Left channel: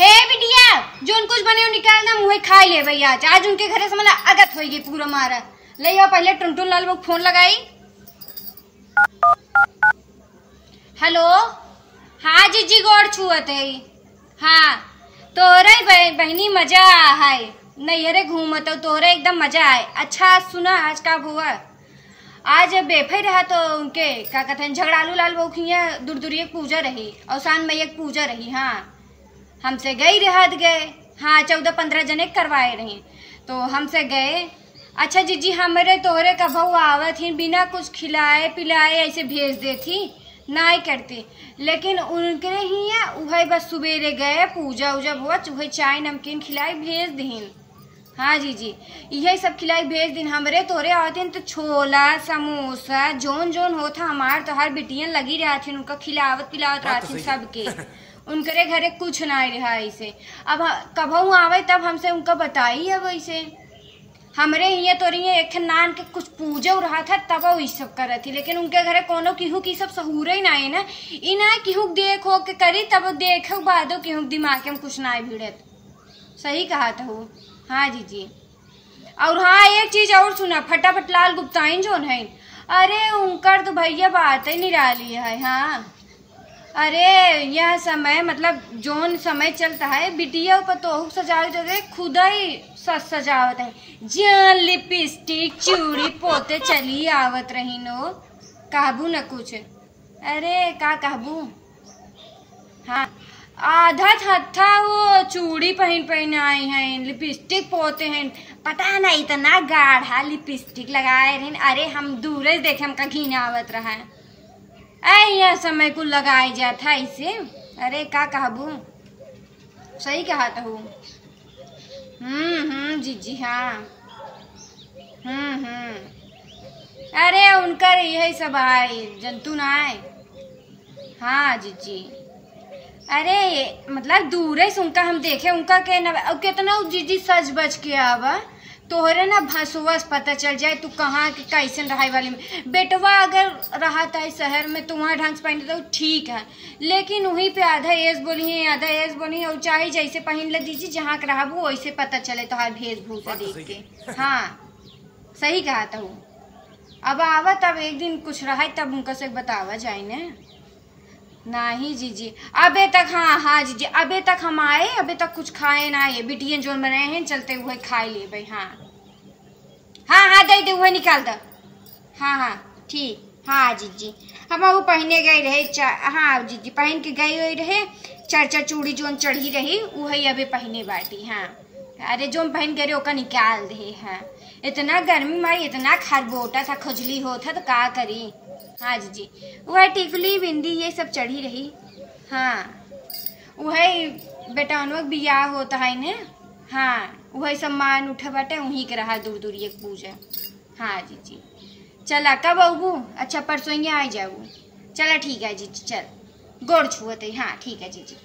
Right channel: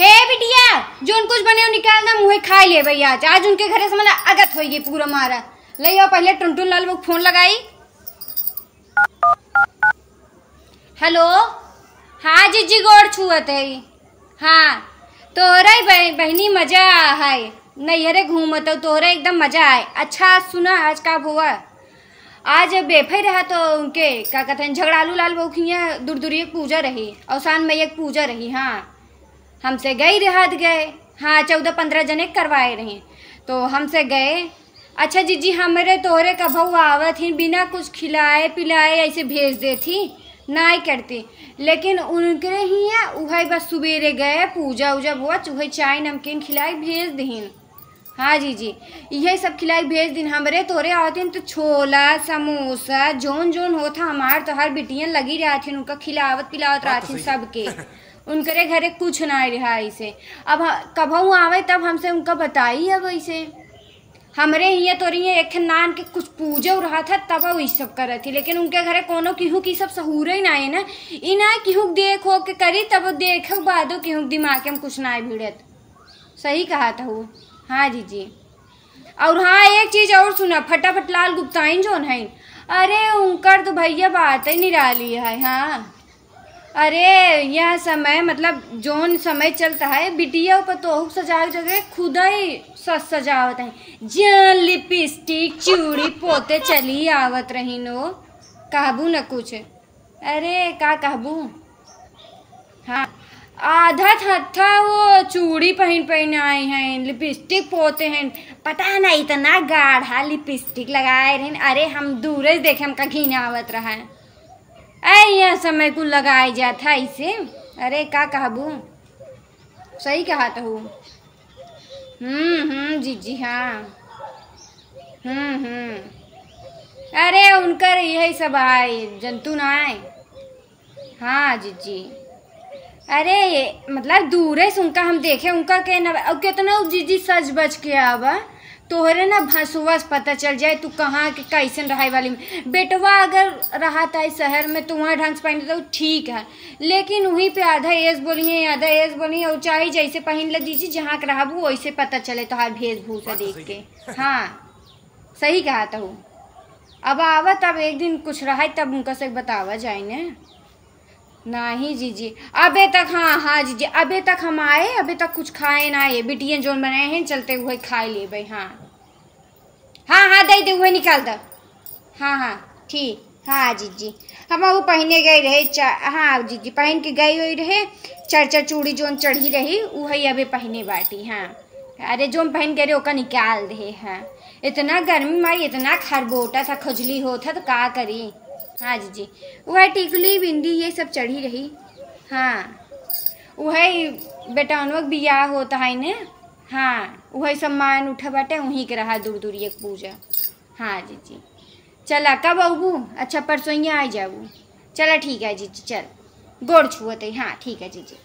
हे बिटिया जोन कुछ बने हो निकाल ना मुँह खा ले भैया आज उनके घरे से मला अगत होगी पूरा मारा ले आओ पहले टुनटुन लाल वो फोन लगाई। हेलो हाँ जीजी गोड़ छुअत है। हाँ तोहरा बहनी मजा है नैहरे घूमत तोहरा एकदम मजा आए। अच्छा सुना आज का हुआ आज बेफे रहा तो उनके क्या कहते हैं झगड़ालू लाल बउखिया दूर पूजा रही अवसान में एक पूजा रही। हाँ हमसे गई रहत गए। हाँ 14-15 जने करवाए रहे तो हमसे गए। अच्छा जीजी हमारे तोहरे का भाव आवत ही बिना कुछ खिलाए पिलाए ऐसे भेज देती नहीं करती लेकिन उनके ही है वह बस सुबेरे गए पूजा उजा हुआ वही चाय नमकीन खिलाई भेज दीन। हाँ जीजी यही सब खिलाई भेज दिन हमरे तोरे आते तो छोला समोसा जोन जोन होता हमार तो हर बिटियां लगी रहती उनका खिलावत पिलावत रहती सबके उनके घरे कुछ ना रहा ऐसे। अब कभू आवे तब हमसे उनका बताई अब ऐसे हमरे यहाँ तोरी एक नान के कुछ पूजा रहा था तब वो सब कर रही थी लेकिन उनके घरे कोनो केहू की सब सहूर ही ना है ना इना केहू देख हो के करी तब देख बादो केहू दिमाग में कुछ ना भिड़त। सही कहा था वो। हाँ जीजी और हाँ एक चीज और सुना फटाफट लाल गुप्ताइन जोन है अरे उनकर तो भैया बात ही नहीं रही है। हाँ अरे यह समय मतलब जोन समय चलता है बिटिया पर तो सजा खुदा ही सजावत है जान लिपस्टिक चूड़ी पोते चली आवत रही नो कहबू न कुछ अरे का कहबू। हाँ आधा था वो चूड़ी पहन आए हैं लिपस्टिक पोते हैं पता नहीं इतना गाढ़ा लिपस्टिक लगाए रहे। अरे हम दूर से देखे हमका घिन आवत रहा है यह समय को लगाई जाता इसे। अरे का कहबू सही कहा था हूँ। जीजी हाँ अरे उनका यही सब आए जंतु ना आए। हाँ जीजी अरे मतलब दूर से उनका हम देखे उनका के न कितना जीजी सज बज के आवा तोहरे ना भसुवस पता चल जाए तू कहाँ के कैसन रहाई वाली में बेटवा अगर रहा था शहर में तो वहाँ ढंग से पहन तो ठीक है लेकिन वहीं पे आधा एज बोलिए आधा एज बोलिए और चाहे जैसे पहन ले दीजिए जहाँ के रहा वैसे पता चले तो हर वेशभूषा देख के। हाँ सही कहा था वो। अब आवा तब एक दिन कुछ रहा तब उनका से बतावा जाए न नहीं जीजी अबे तक। हाँ जीजी अबे तक हम आए अबे तक कुछ खाए ना आए बिटियां जो बनाए हैं चलते हुए खाए ले भाई। हाँ दे हुए निकाल दो। हाँ ठीक। हाँ जीजी हम वो पहने गए रहे हाँ जीजी पहन के गए हुए रहे चर्चा चूड़ी जोन चढ़ी रही वही अबे पहने बाटी। हाँ अरे जोन पहन गए ओका निकाल दे। हाँ इतना गर्मी मारी इतना खरबोटा था खुजली होता तो का करी। हाँ जीजी वह टिकली बिंदी ये सब चढ़ी रही। हाँ वह बेटानवक बियाह होता है न। हाँ वही सम्मान उठा बाटे वहीं के रहा दूर एक पूजा। हाँ जीजी चला कब आऊँ। अच्छा परसों आ जाऊँ। चला ठीक है जीजी चल गोड़ छुअते। हाँ ठीक है जीजी।